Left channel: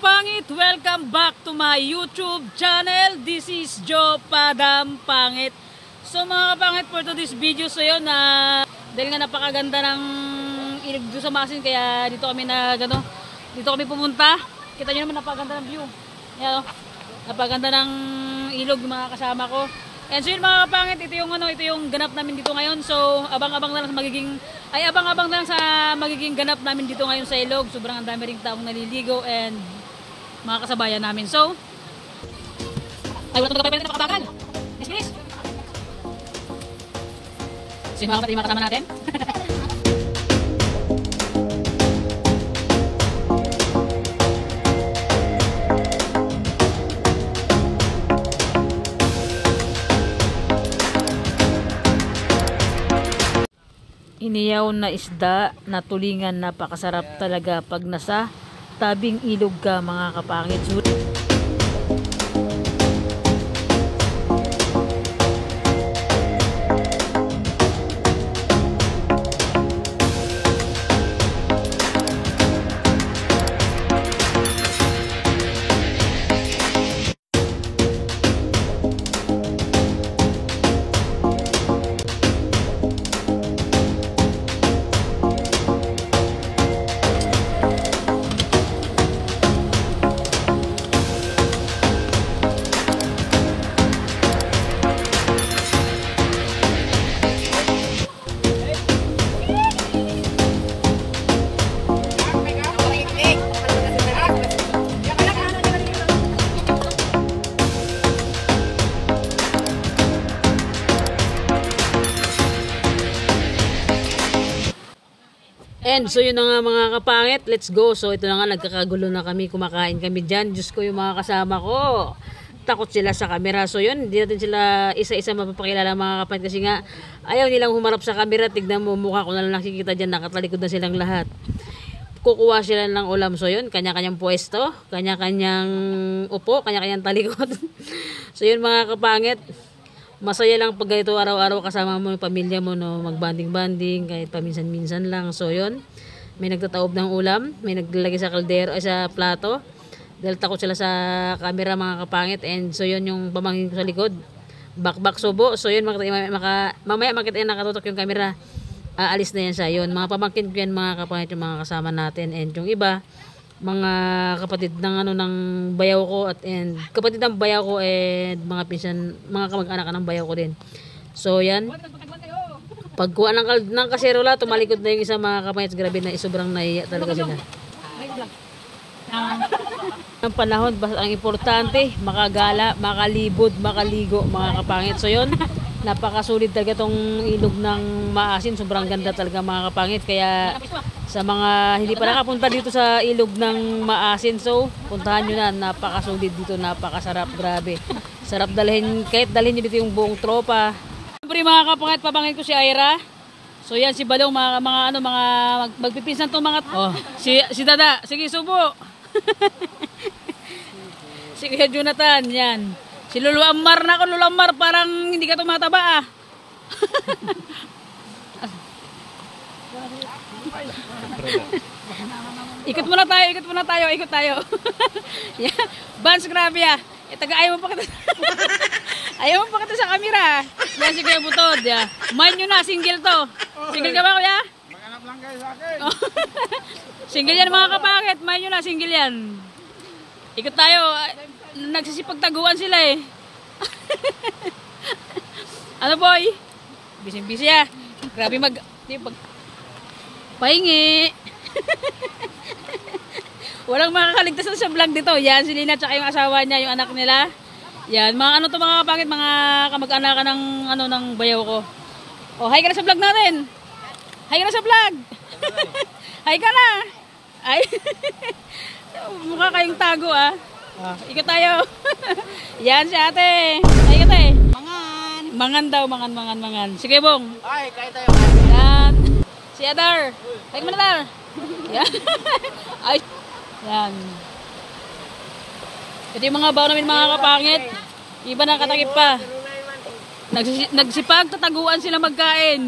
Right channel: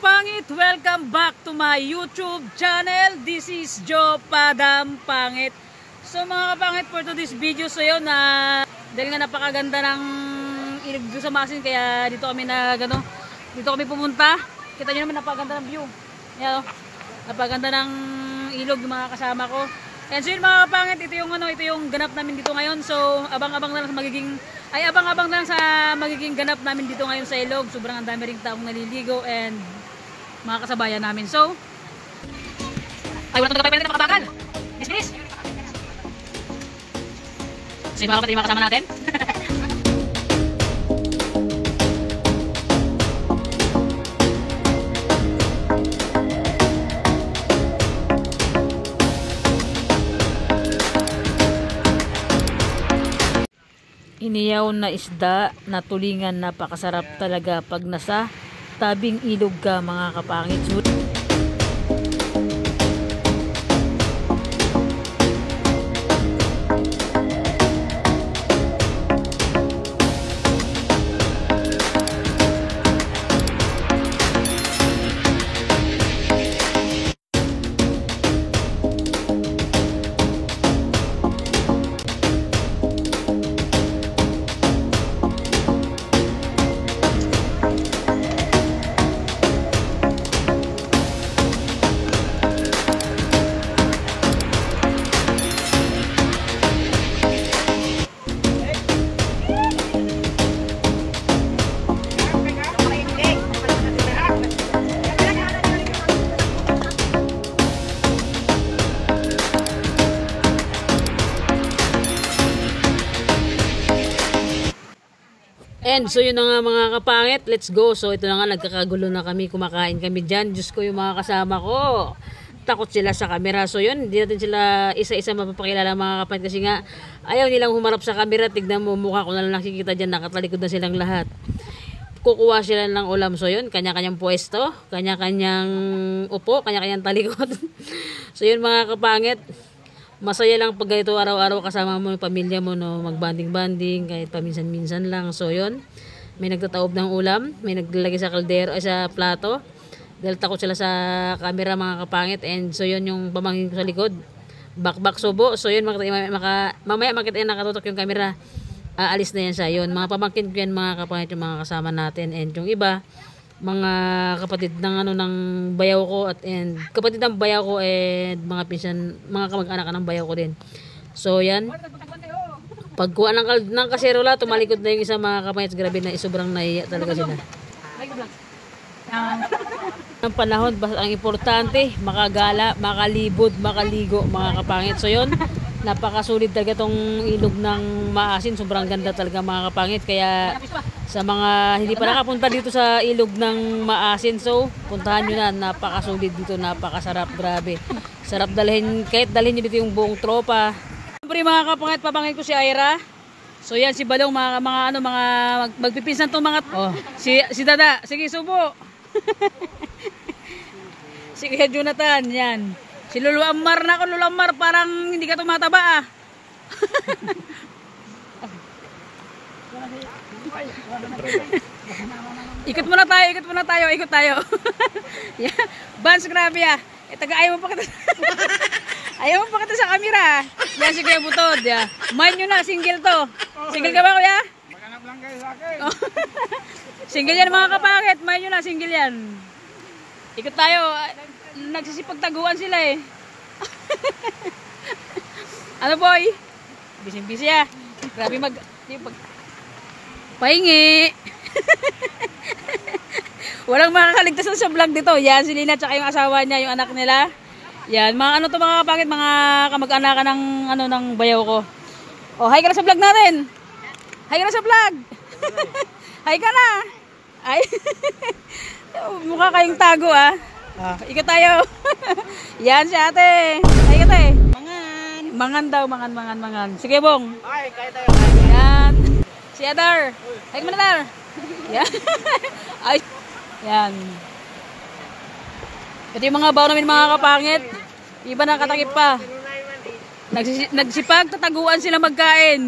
kapangit, welcome back to my YouTube channel. This is Joe Padam Pangit. So mga kapangit, for today's video, so yun dahil nga napakaganda ng ilog doon sa Masin, kaya dito kami dito kami pumunta. Kita nyo naman, napakaganda ng view. Yan, napakaganda ng ilog yung mga kasama ko. And so yun mga kapangit, ito yung ganap namin dito ngayon. So abang-abang na lang sa magiging ganap namin dito ngayon sa ilog. Sobrang ang dami ring taong naliligo and mga kasabayan namin. So ay, wala itong gabay na makabagal. Yes. So yun mga kapatid, mga kasama natin. Iniyaw na isda na tulingan, napakasarap talaga pag nasa tabing ilog ka mga kapangit. And so yun na nga mga kapangit, let's go. So ito na nga, nagkakagulo na kami, kumakain kami dyan. Diyos ko, yung mga kasama ko, takot sila sa camera. So yun, hindi natin sila isa-isa mapapakilala mga kapangit, kasi nga ayaw nilang humarap sa camera. Tignan mo, mukha ko na lang nakikita dyan, nakatalikod na silang lahat. Kukuha sila ng ulam. So yun, kanya-kanyang pwesto, kanya-kanyang upo, kanya-kanyang talikod. So yun mga kapangit, masaya lang pag ganito araw-araw kasama mo yung pamilya mo, no, magbanding-banding kahit paminsan-minsan lang. So yun, may nagtataob ng ulam, may naglalagay sa kaldero ay sa plato dahil takot sila sa camera mga kapangit. And so yun, yung pamangkin ko sa likod, bakbak subo. So yun, mamaya makita yan, nakatutok yung camera, aalis na yan siya. Yun, mga pamangkin ko yan mga kapangit, yung mga kasama natin. And yung iba, mga kapatid ng bayaw ko and kapatid ng bayaw ko and mga pinsan, mga kamag-anak ng bayaw ko din. So yan, pagkuha ng kaserola, tumalikod na yung isa mga kapangit. Grabe na, sobrang naiya talaga sila. Ang panahon, basta ang importante, makagala, makalibod, makaligo mga kapangit. So yun, napakasulit talaga tong ilog ng Maasin. Sobrang ganda talaga mga kapangit. Kaya sa mga hindi pa nakapunta dito sa ilog ng Maasin, so puntahan nyo na. Napakasulit dito, napakasarap, grabe. Sarap dalhin, kahit dalhin nyo dito yung buong tropa. Siyempre mga kapangit, pabangin ko si Ira. So yan, si Balong, mga magpipinsan tong mga, si Dada, sige subo. Si Kuya Jonathan, yan. Si Lulu Ammar na ako, Lulu Ammar, parang hindi ka tumataba ah. Ikot muna tayo. Yeah. Bans, grabe ah. Ayaw mo pa kita. Ayaw mo pa kita sa camera. Yan si Kuya Butod. Yeah. Mind nyo na, single to. Single ka ba, Kuya? Maghanap lang kayo sa akin. Single yan mga kapangit. Mind nyo na, single yan. Ikot tayo. Nagsisipagtaguan sila eh. Ano boy? Busy ah. Grabe pahingi. Walang makakaligtas sa vlog dito. Yan, si Lina tsaka yung asawa niya, yung anak nila. Yan, mga mga kapangit, mga kamag-anakan ng bayaw ko. Oh, hi ka na sa vlog natin. Hi ka na sa vlog. Hi ka na. Ay. Mukha kayong tago ah. Ikot tayo. Yan si ate. Ay ate. Mangan daw, mangan. Sige bong. Ay, kayo tayo. Yan. Si Adar. Ay mo na Adar. Yan. Ay. Yan. Pati yung mga baon namin mga kapangit. Iba nakatakip pa. Nagsipag, tataguan sila magkain.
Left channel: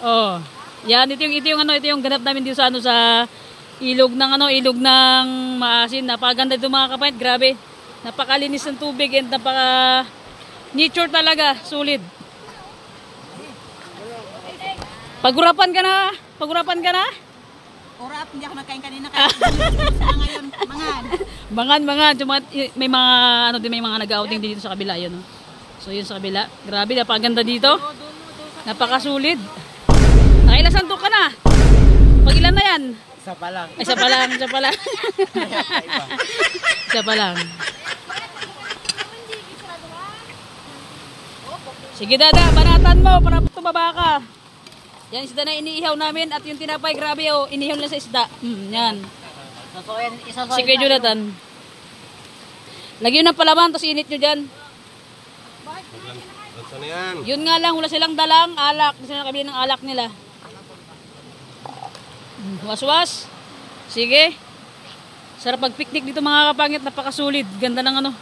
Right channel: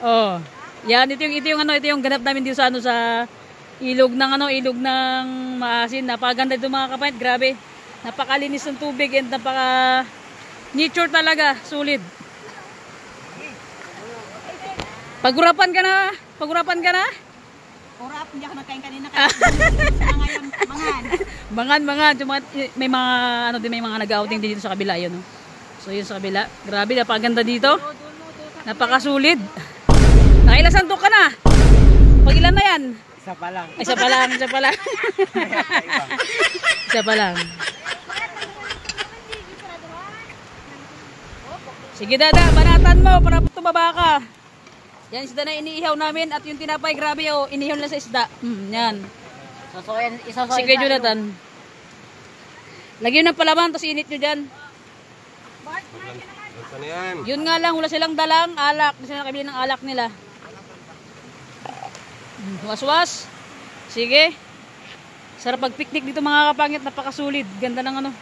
Oh. Yan, ito yung ganap namin dito sa Ilog ng ilog ng maasin. Napakaganda ito mga kapatid, grabe. Napakalinis ng tubig and napaka nature talaga, sulit. Pagurapan ka na? Pagurapan ka na? Urap, hindi ako nagkain kanina kaya ngayon, mangan. Mangan. May mga may mga nag-outing dito sa kabila yun. So yun sa kabila. Grabe, napakaganda dito. Napakasulid. Nakailang sandok ka na? Pag ilan na yan? Isa pa lang. Isa pa lang. Isa pa lang. Sige dada, banatan mo para tumaba ka. Yan isda na iniihaw namin at yung tinapay, grabe inihaw lang sa isda. Yan. Sige Jonathan. Lagyan ng palaman, tapos init nyo dyan. Yun nga lang, wala silang dalang alak. Hindi sila nakabili ng alak nila. Was-was. Sige. Sarap pag-picnic dito mga kapangit, napakasulit. Ganda ng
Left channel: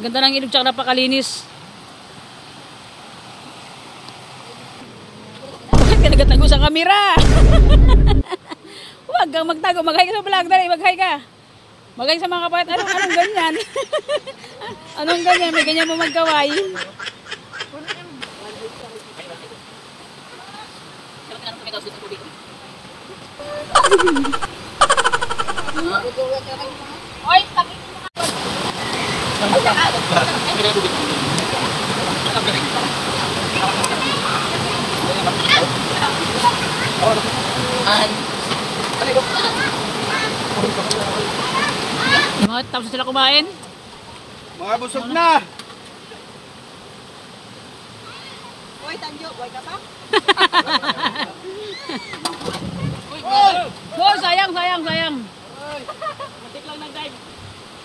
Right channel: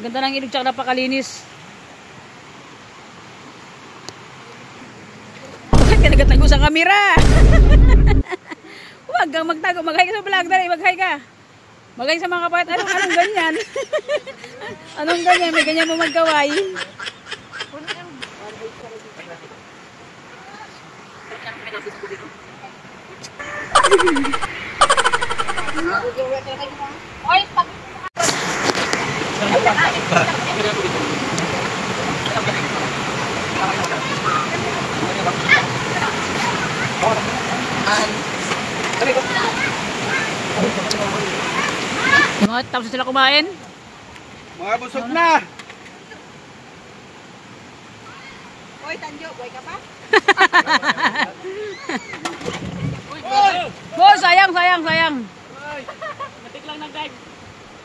ganda ng ilog tsaka napakalinis. Bakit ka nagatago sa kamera? Huwag kang magtago. Mag-hi ka sa vlog. Dali, mag-hi ka. Mag-hi sa mga kapangit. Anong ganyan? Anong ganyan? May ganyan mo magkaway. Oy, tapos Tapos sila kumain. Mga busog na. Oy, Tanjo, boy ka pa? Oh, sayang. Matik lang nag-dive.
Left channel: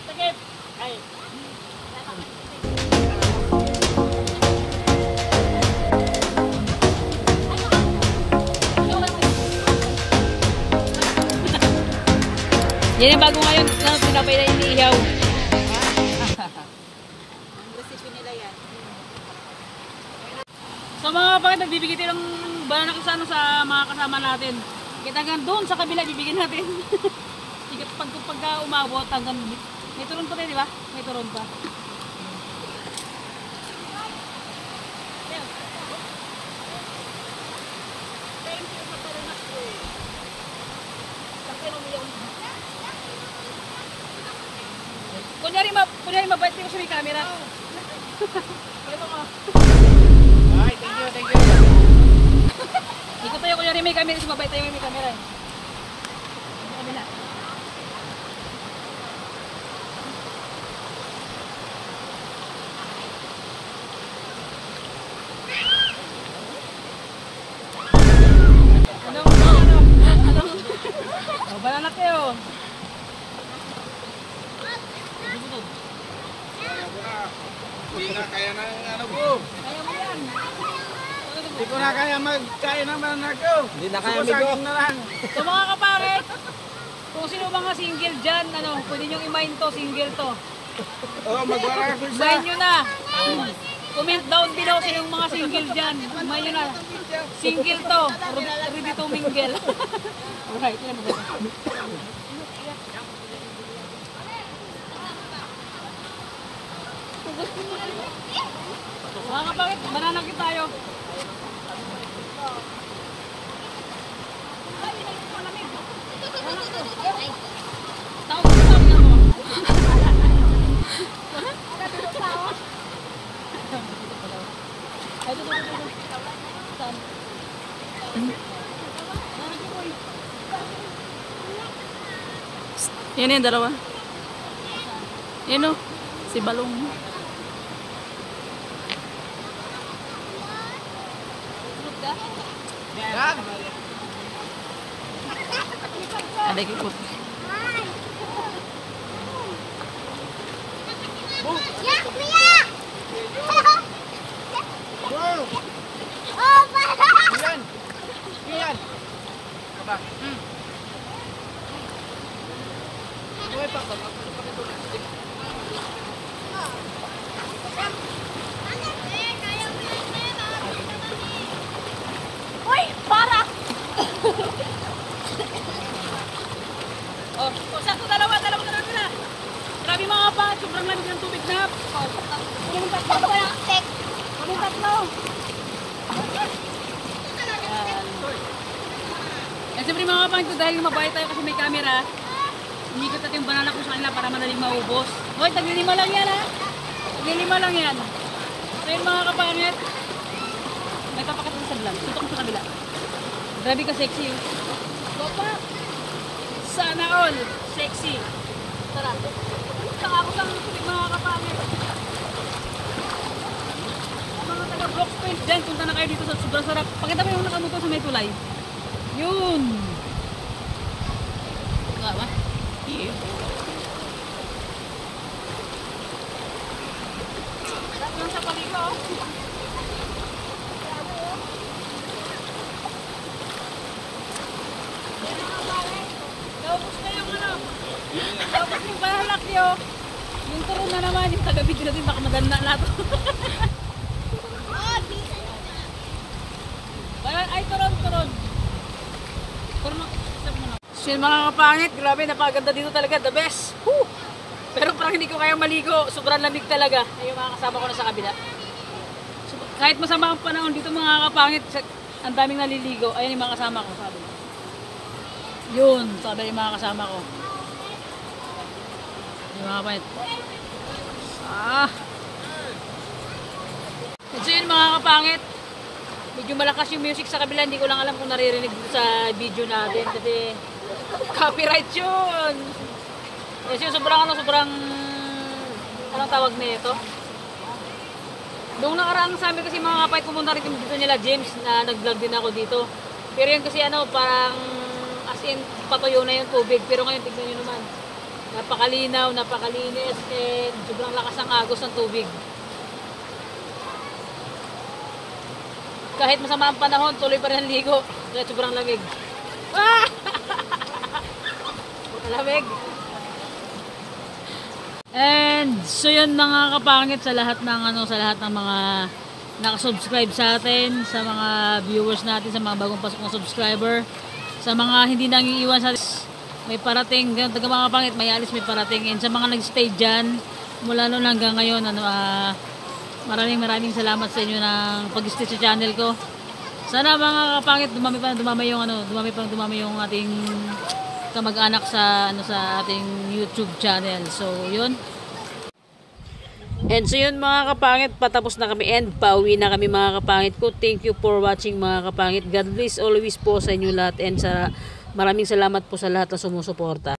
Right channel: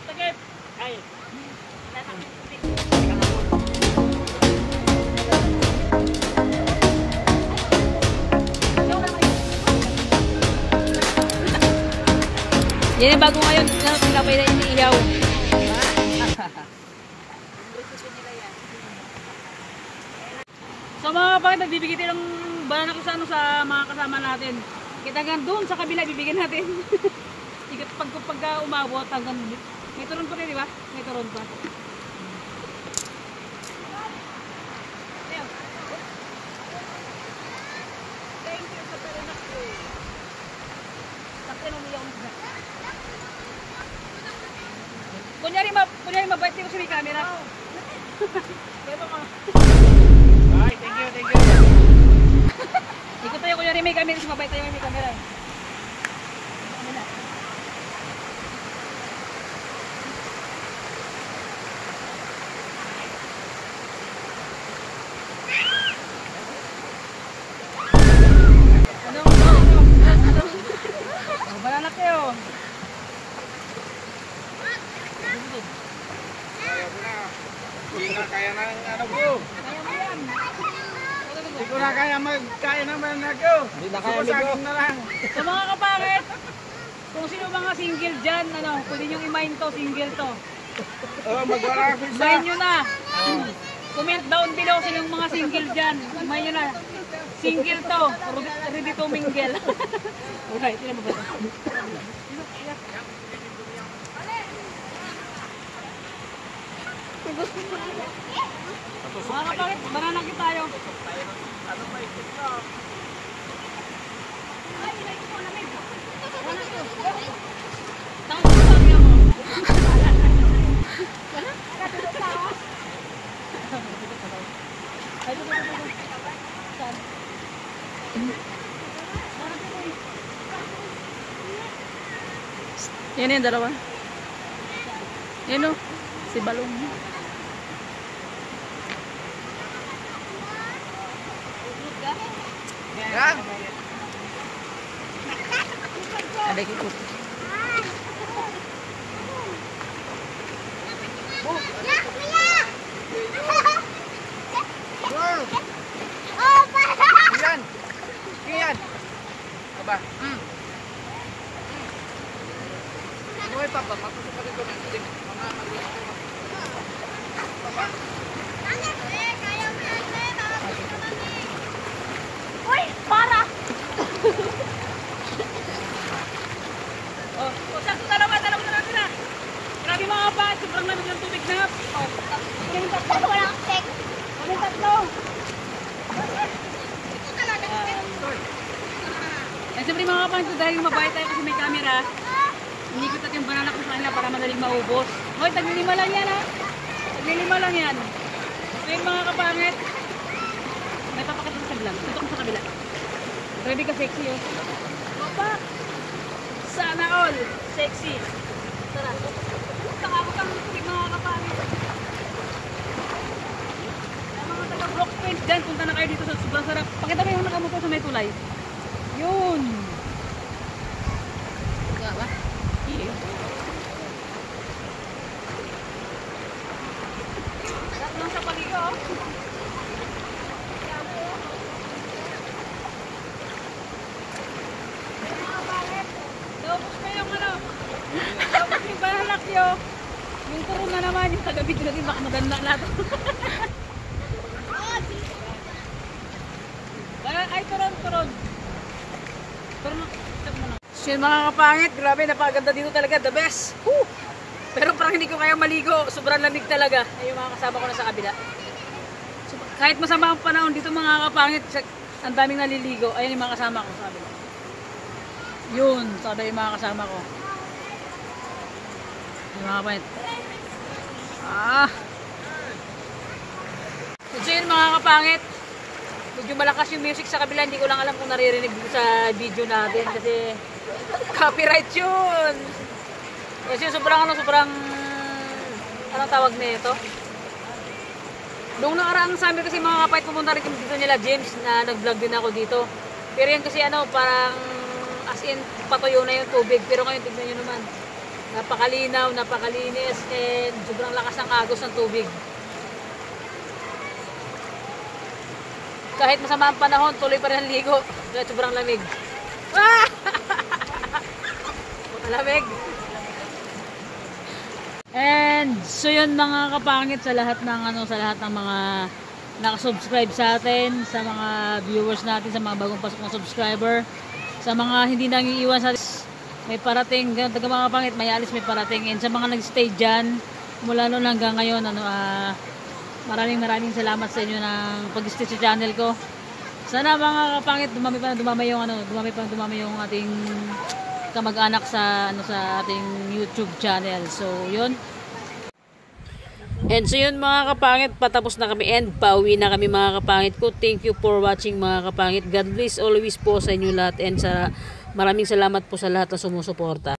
Takip. Ay. Yan yung bago ngayon na pinapay na iniihaw. Recipe nila yan. So mga kapatid, nagbibigay tayo ng banana kusano sa mga kasama natin. Kita nga doon sa kabila, bibigyan natin. Pagka umabot hanggang may turon pa rin, di ba? May turon pa. Thank you sa parinak ko. Sakyan umuyaw na. Kunyari mabait ko sa may camera. Kaya mga. Ay, thank you. Ikot tayo kunyari may camera, si mabait tayo may camera eh. Kabila. Oh, banana kayo. Hindi na kaya ng ko. Kaya mo yan. Hindi ko na kaya magkain naman ako. Hindi na kaya saging na lang. So mga kapangit, kung sino mga single dyan, pwede nyo i-mine to, single to. Magwala ako isa. Mine nyo na. Comment down below sa yung mga single dyan. Mine nyo na. Single to. Ready to mingle. Alright, yun na ba? Mga kapangit, bananakit tayo. Tao ko sa akin mo. Ay, dito. Saan? Yan yung dalawa. Yan o, si Balong. Ada ikut. Iyan. Aba. Buhay pa. Uy, para! sakto dalawa na natin na. Grabe mga kapangit, sobrang lamig ng tubig na. Kunin yung tatlo. Kunin yung tatlo. And siyempre mga kapangit, dahil mabait tayo kasi may camera, inikot natin yung banana ko sa kanila para madaling maubos. Hoy, taglilima lang yan ha. Taglilima lang yan. So yun mga kapangit, may papakita sa vlog. Tutok mo sa kabila. Grabe ka sexy yun. Baba! Sana all sexy. Tara. Saka ako kang tubig mga kapangit. Ang mga taga Brook Point dyan, punta na kayo dito sa sobrang sarap. Pakita mo yung nakamotor sa may tulay. Yun! Yeah. Sarap lang sa paligo. Tapos na yung ano. Tapos yung bahalak nyo. Yung turon na naman. Yung taga-video natin baka maganda na ito. Ay, turon. Turon na. So yun mga kapangit, grabe, napakaganda dito talaga, the best. Woo! Pero parang hindi ko kaya maligo, sobrang lamig talaga. Ay, yung mga kasama ko na sa kabila. So, kahit masama ang panahon dito mga kapangit, ang daming naliligo. Ayan yung mga kasama ko sa kabila. Yun, sabi yung mga kasama ko. Yung mga kapangit. So yun mga kapangit, medyo malakas yung music sa kabila, hindi ko lang alam kung naririnig dito sa video natin kasi copyright yun. Kasi sobrang anong tawag na ito? Nung nakaraang sabi kasi mga kapait, pumunta rin kami dito nila James na nag-vlog din ako dito. Pero yan kasi parang as in patuyo na yung tubig. Pero ngayon tignan nyo naman, napakalinaw, napakalinis, and sobrang lakas ng agos ng tubig. Kahit masama ang panahon, tuloy pa rin ang ligo. Kahit sobrang lamig. Malamig. And so yun mga kapangit, sa lahat ng mga nakasubscribe sa atin, sa mga viewers natin, sa mga bagong pasok na subscriber, sa mga hindi nang iiwan sa atin, may parating, taga mga kapangit, may alis, may parating. And sa mga nag-stay dyan, mula noon hanggang ngayon, maraming salamat sa inyo ng pag-stay sa channel ko. Sana mga kapangit, dumami yung ating kamag-anak sa ating YouTube channel. So, yun. And so yun mga kapangit, patapos na kami and pauwi na kami mga kapangit ko. Thank you for watching mga kapangit. God bless always po sa inyo lahat and maraming salamat po sa lahat na sumusuporta.